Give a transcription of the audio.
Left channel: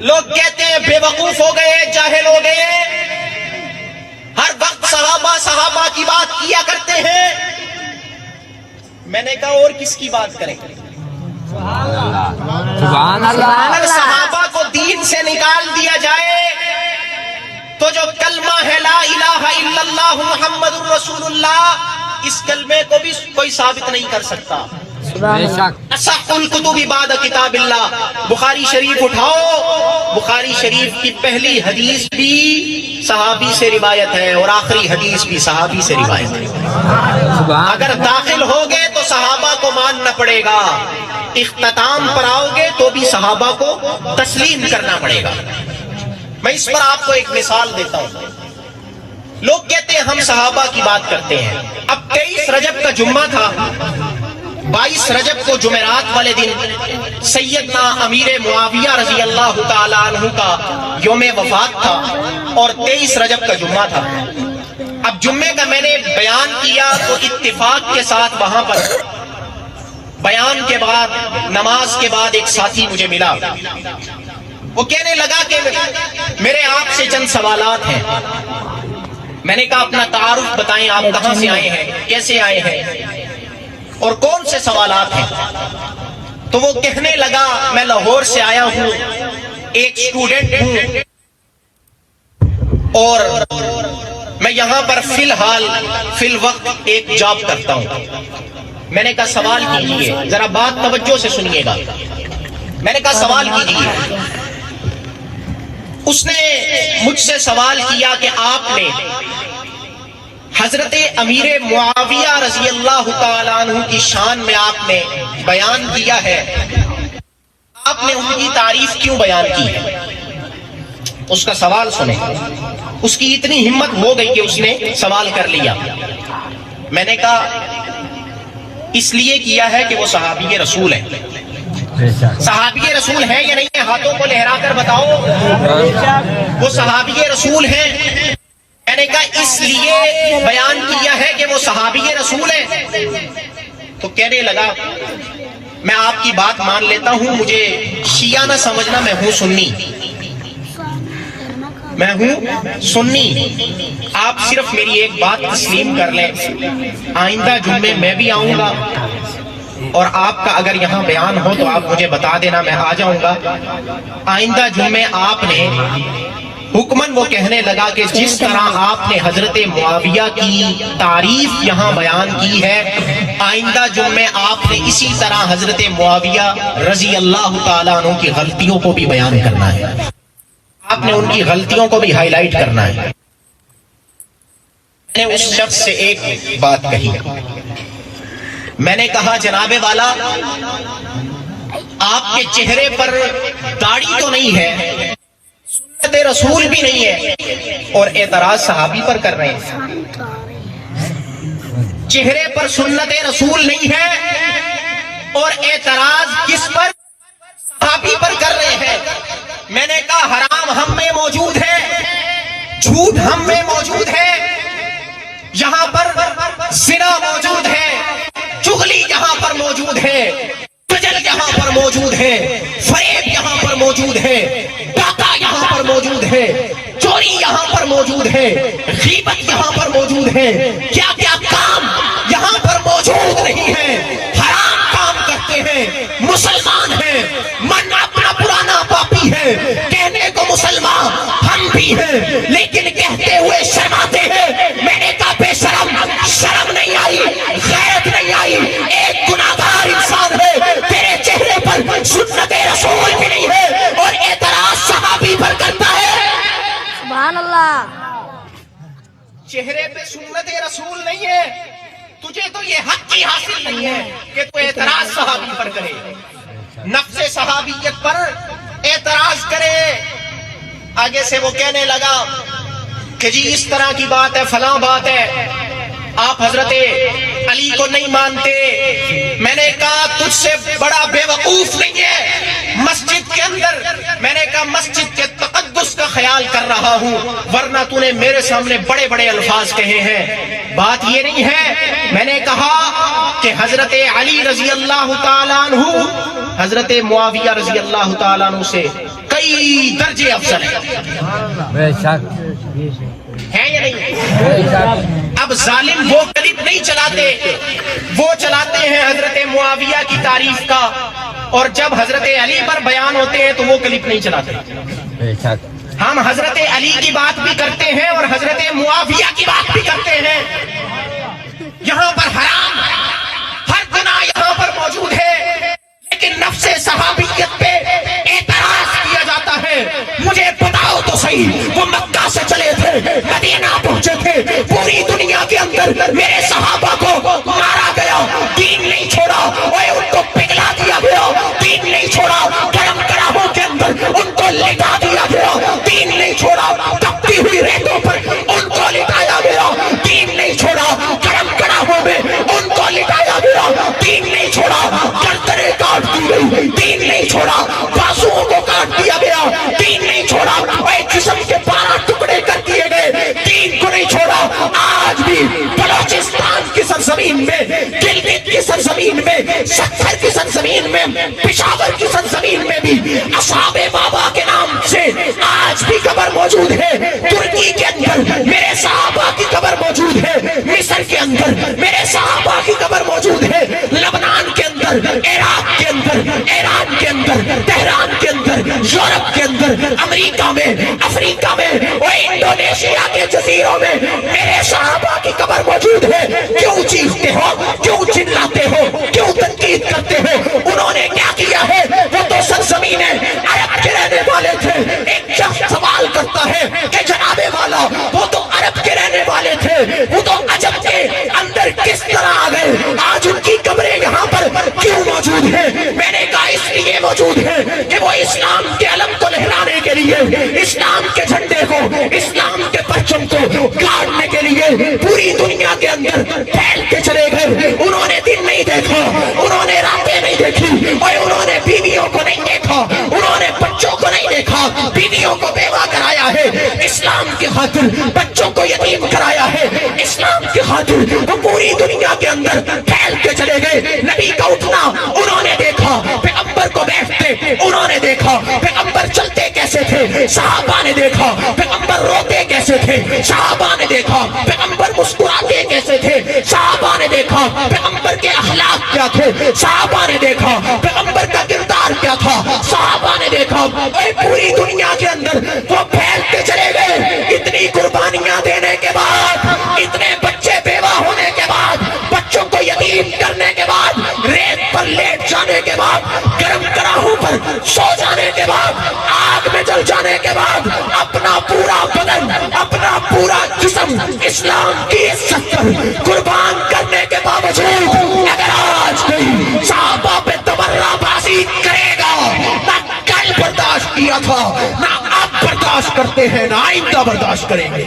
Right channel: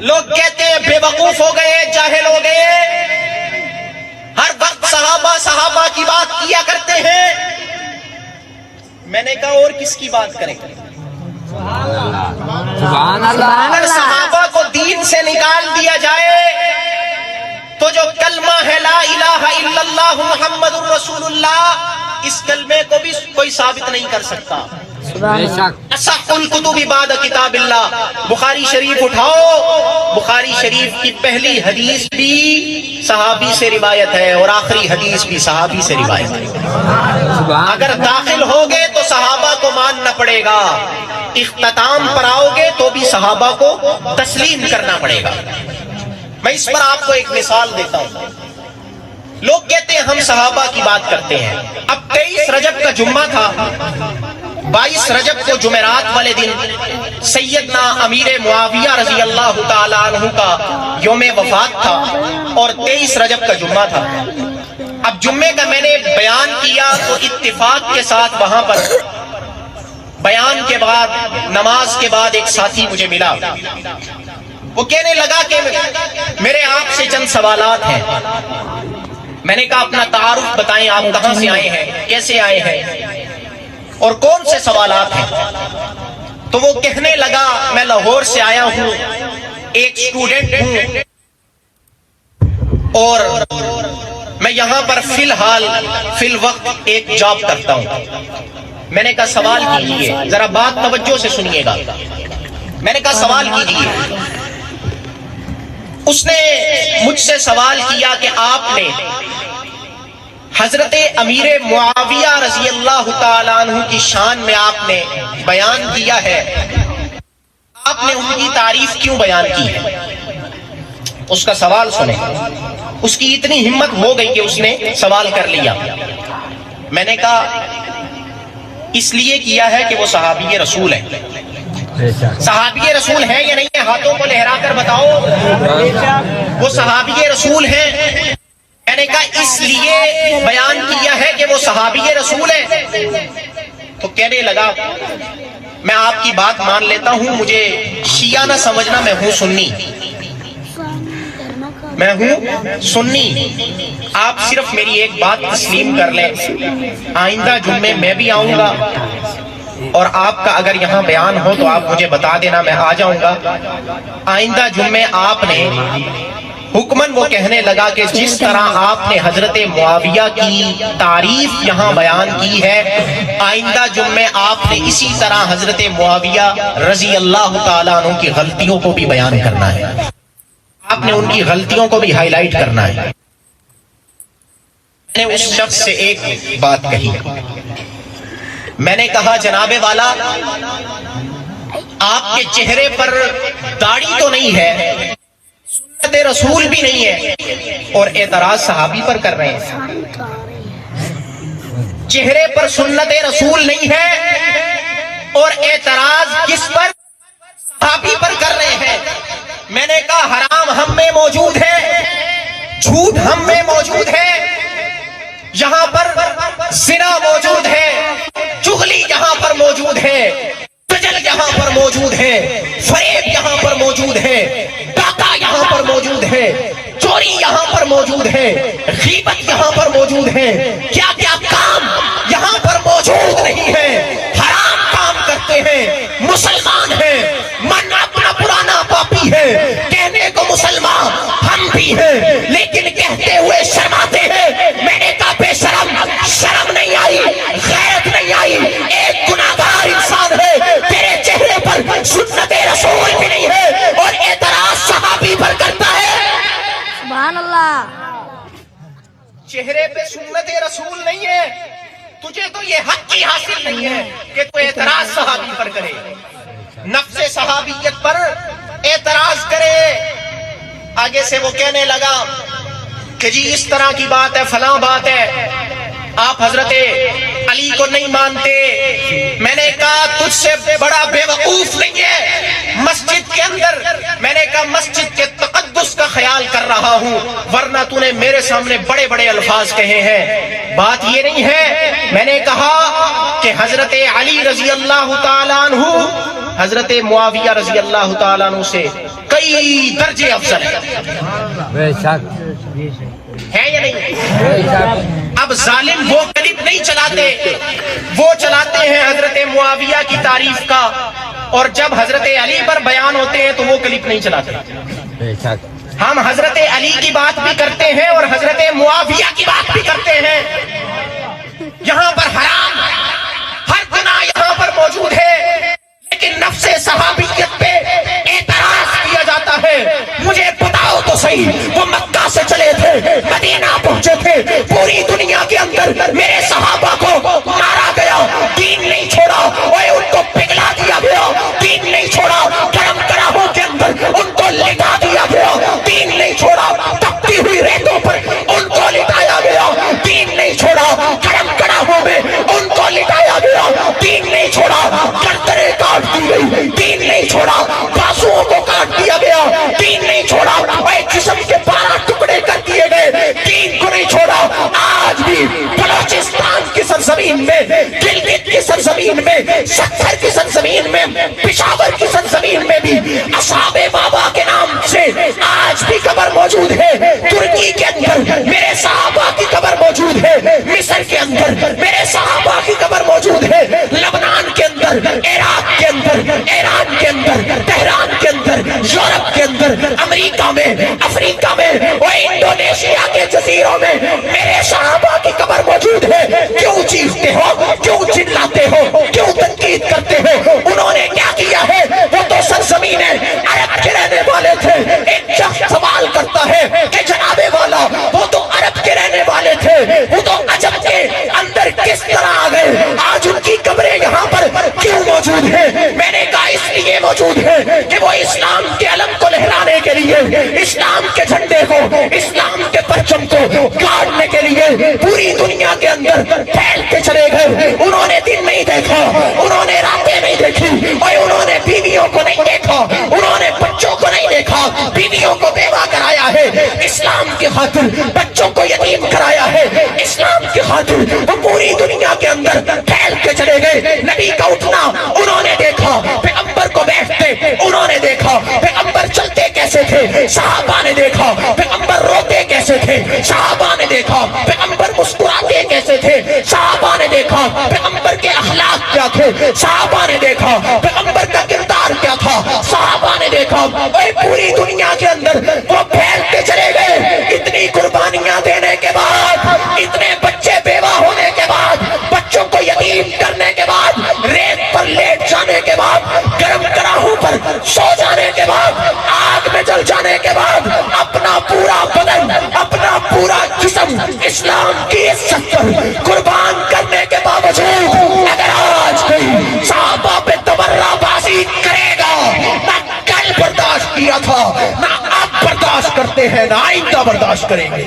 لوگ کہتے ہیں بے وقوف ہو گئے، جاہل ہو گئے، ہر وقت صحابہ کی بات کیا کرتے ہیں۔ میں نے کہا اور کس کی بات کریں؟ سبحان اللہ۔ اگر صحابہ کو دین سے نکال دیا جائے تو جو کلمہ ہے لا الہ الا اللہ محمد الرسول اللہ، اس کلمے کو بھی کوئی ثابت نہیں کر سکتا۔ بے شک۔ اصح الکتب بعد کتاب اللہ، بخاری شریف اٹھاؤ، بخاری شریف کی پہلی حدیث بھی صحابی سے روایت ہے اور آخری حدیث بھی صحابی سے روایت ہے۔ اگر داخل ہوگے تو صحابہ کو ماننا پڑے گا، اختتام پر آؤ گے تو بھی صحابہ کو تسلیم کرنا پڑے گا۔ میں اس پر آپ کو ایک مثال دیتا ہوں۔ لوگ کہتے ہیں ہم صحابہ کی بات کرتے ہیں۔ اب 23 رجب کا جمعہ تھا، 22 رجب کو جمعرات والے دن سیدنا امیر معاویہ رضی اللہ تعالیٰ عنہ کا یوم وفات تھا اور 23 رجب کا جمعہ تھا۔ اب جمعے کا میں نے بیان کیا تو اتفاق کے ساتھ وہاں پر بیان کے بعد، نماز کے بعد ایک ساتھی مجھے ملا۔ وہ کہنے لگا کہ میرے آپ سے چند سوالات ہیں۔ میں نے کہا اپنا تعارف بتائیں، آپ کہاں سے آئے ہیں، کیسے آئے ہیں اور کون سے سوالات ہیں؟ تو وہ کہنے لگا میں لاہور سے آیا ہوں، ایک اسٹوڈنٹ ہوں اور میں یہاں پر فی الوقت ایک جاب کرتا ہوں۔ میں نے کہا سوال کیجیے، ذرا بات توجہ سے سنیے گا۔ میں نے کہا سوال کیجیے۔ اس نے مجھ سے سوال کیا کہ آپ نے حضرت امیر معاویہ رضی اللہ تعالیٰ عنہ کی شان میں آپ نے بیان کیا ہے، آپ نے ان کی تعریف کیوں بیان کی ہے؟ اس کا سوال سنیں۔ اس کی اتنی ہمت ہو گئی کہ اس نے سوال کر لیا۔ میں نے کہا اس لیے کیا ہے کہ وہ صحابی رسول ہے۔ صحابی رسول ہے یا نہیں ہے؟ ہاتھوں کو لہرا کر بتاؤ۔ وہ صحابی رسول ہے۔ میں نے کہا اس لیے بیان کیا ہے کہ وہ صحابی رسول ہے۔ تو کہنے لگا میں آپ کی بات مان لیتا ہوں، مجھے شیعہ نہ سمجھنا، میں ہوں سنی، میں ہوں سنی۔ آپ صرف میری ایک بات تسلیم کر لیں، آئندہ جمعے میں بھی آؤں گا اور آپ کا اگر یہاں بیان ہو تو آپ مجھے بتا دینا، میں آ جاؤں گا۔ آئندہ جمعے آپ نے حکمن وہ کہنے لگا کہ جس طرح آپ نے حضرت معاویہ کی تعریف یہاں بیان کی ہے، آئندہ جمعے آپ نے اسی طرح حضرت معاویہ رضی اللہ تعالیٰ عنہ کی غلطیوں کو بھی بیان کرنا ہے، آپ نے ان کی غلطیوں کو بھی ہائی لائٹ کرنا ہے۔ میں نے اس شخص سے ایک بات کہی، میں نے کہا جناب والا آپ کے چہرے پر داڑھی تو نہیں ہے، سنت رسول بھی نہیں ہے اور اعتراض صحابی پر کر رہے ہیں۔ چہرے پر سنت رسول نہیں ہے اور اعتراض کس پر؟ صحابی پر کر رہے ہیں۔ میں نے کہا حرام ہم میں موجود ہے، جھوٹ ہم میں موجود ہے، یہاں پر زنا موجود ہے، چغلی یہاں پر موجود ہے، تجل یہاں پر موجود ہے، فریب یہاں پر موجود ہے، ڈاکہ یہاں پر موجود ہے، چوری یہاں پر موجود ہے، غیبت یہاں پر موجود ہے، کیا کیا کام یہاں پر موجود نہیں ہے، حرام کام کرتے ہیں، مسلمان ہیں، من اپنا پرانا پاپی ہے، کہنے کو مسلمان ہم بھی ہیں لیکن کہتے ہوئے شرماتے ہیں۔ میں نے کہا بے شرم، شرم نہیں آئی، غیرت نہیں آئی، ایک گناہگار انسان ہے، تیرے چہرے پر سنت رسول بھی نہیں ہے اور اعتراض صحابی پر کرتا ہے۔ چہرے پہ سنت رسول نہیں ہے، تجھے تو یہ حق ہی حاصل نہیں ہے کہ تو اعتراض صحابی پر کرے، نفس صحابیت پر اعتراض کرے۔ آگے سے وہ کہنے لگا کہ جی اس طرح کی بات ہے، فلاں بات ہے، آپ حضرت علی کو نہیں مانتے۔ میں نے کہا تجھ سے بڑا بے وقوف نہیں ہے مسجد کے اندر۔ میں نے کہا مسجد کے تقدس کا خیال کر رہا ہوں، ورنہ تو نے میرے سامنے بڑے بڑے الفاظ کہے ہیں۔ بات یہ نہیں ہے، میں نے کہا کہ حضرت علی رضی اللہ تعالیٰ عنہ حضرت معاویہ رضی اللہ تعالیٰ عنہ سے کئی درجے افضل ہے. بے شک ہے یا نہیں؟ بے شک اب ظالم وہ کلپ نہیں چلاتے، وہ چلاتے ہیں حضرت معاویہ کی تعریف کا، اور جب حضرت علی پر بیان ہوتے ہیں تو وہ کلپ نہیں چلاتے. بے شک ہم حضرت علی کی بات بھی کرتے ہیں اور حضرت معاویہ کی بات بھی کرتے ہیں. یہاں پر حرام ہر گناہ یہاں پر موجود ہے، لیکن نفس صحابیت پہ اعتراض کیا جاتا ہے. مجھے بتاؤ تو صحیح، وہ مکہ سے چلے تھے، مدینہ پہنچے تھے، پوری دنیا کے اندر میرے صحابہ کو مارا گیا، دین نہیں چھوڑا، اور ان کو پگھلا دیا گیا، دین نہیں چھوڑا، گرم کراہوں کے اندر ان کو لٹا دیا گیا، دین نہیں چھوڑا، تپتی ہوئی ریتوں پر ان کو لٹایا گیا، دین نہیں چھوڑا، گرم کراہوں میں ان کو لٹایا گیا، دین نہیں چھوڑا، گردنیں کاٹ دی گئی، دین نہیں چھوڑا، بازوؤں کو کاٹ دیا گیا، دین نہیں چھوڑا، اور جسم کے 12 ٹکڑے کر دیے گئے، دین کو نہیں چھوڑا. آج بھی بلوچستان کی سرزمین میں، گلگت کی سرزمین میں، سکھر کی سرزمین میں، پشاور کی سرزمین میں بھی اصحاب بابا کے نام سے آج بھی قبر موجود ہے. ترکی کے اندر میرے صحابہ کی قبر موجود ہے، مصر کے اندر میرے صحابہ کی قبر موجود ہے، لبنان کے اندر، عراق کے اندر، ایران کے اندر، تہران کے اندر، یورپ کے اندر، امریکہ میں، افریقہ میں، اور انڈونیشیا کے جزیروں میں میرے صحابہ کی قبر موجود ہے. کیوں چیختے ہو، کیوں چلاتے ہو، کیوں تنقید کرتے ہو؟ انہوں نے کیا کیا ہے؟ وہ تو سرزمین عرب کے رہنے والے تھے. ایک شخص سوال کرتا ہے کہ جناب والا، وہ تو عرب کے رہنے والے تھے، وہ تو عجم کے اندر کس طرح آ گئے؟ آج ان کی قبریں یہاں پر کیوں موجود ہیں؟ میں نے کہا اس لیے موجود ہے کہ وہ اسلام کے علم کو لہرانے کے لیے، اسلام کے جھنڈے کو، اسلام کے پرچم کو گاڑنے کے لیے پوری دنیا کے اندر پھیل کے چلے گئے. انہوں نے دن نہیں دیکھا، انہوں نے راتیں نہیں دیکھی، اور انہوں نے بیویوں کو نہیں دیکھا، انہوں نے بچوں کو نہیں دیکھا، بیویوں کو بیوہ کرایا ہے اسلام کی خاطر، بچوں کو یتیم کرایا ہے اسلام کی خاطر. تو پوری دنیا کے اندر پھیل کے چلے گئے. نبی کا اٹھنا انہوں نے دیکھا، پیغمبر کو بیٹھتے انہوں نے دیکھا، پیغمبر چلتے کیسے تھے صحابہ نے دیکھا، پیغمبر روتے کیسے تھے صحابہ نے دیکھا، پیغمبر مسکراتے کیسے تھے صحابہ نے دیکھا، پیغمبر کے اخلاق کیا تھے صحابہ نے دیکھا، پیغمبر کا کردار کیا تھا صحابہ نے دیکھا. اور پوری دنیا کے اندر وہ پھیلتے چلے گئے. اتنی قربانیاں دینے کے بعد، اتنے بچے بیوہ ہونے کے بعد، بچوں کو یتیم کرنے کے بعد، ریت پر لیٹ جانے کے بعد، گرم کراہوں پر سو جانے کے بعد، آگ میں جل جانے کے بعد، اپنا پورا بدن، اپنا پورا جسم اسلام کی عزت پر قربان کرنے کے باوجود اگر آج کوئی صحابہ پہ تبرہ بازی کرے گا، نہ کل برداشت کیا تھا، نہ اب برداشت کرتے ہیں، نہ آئندہ برداشت کریں گے.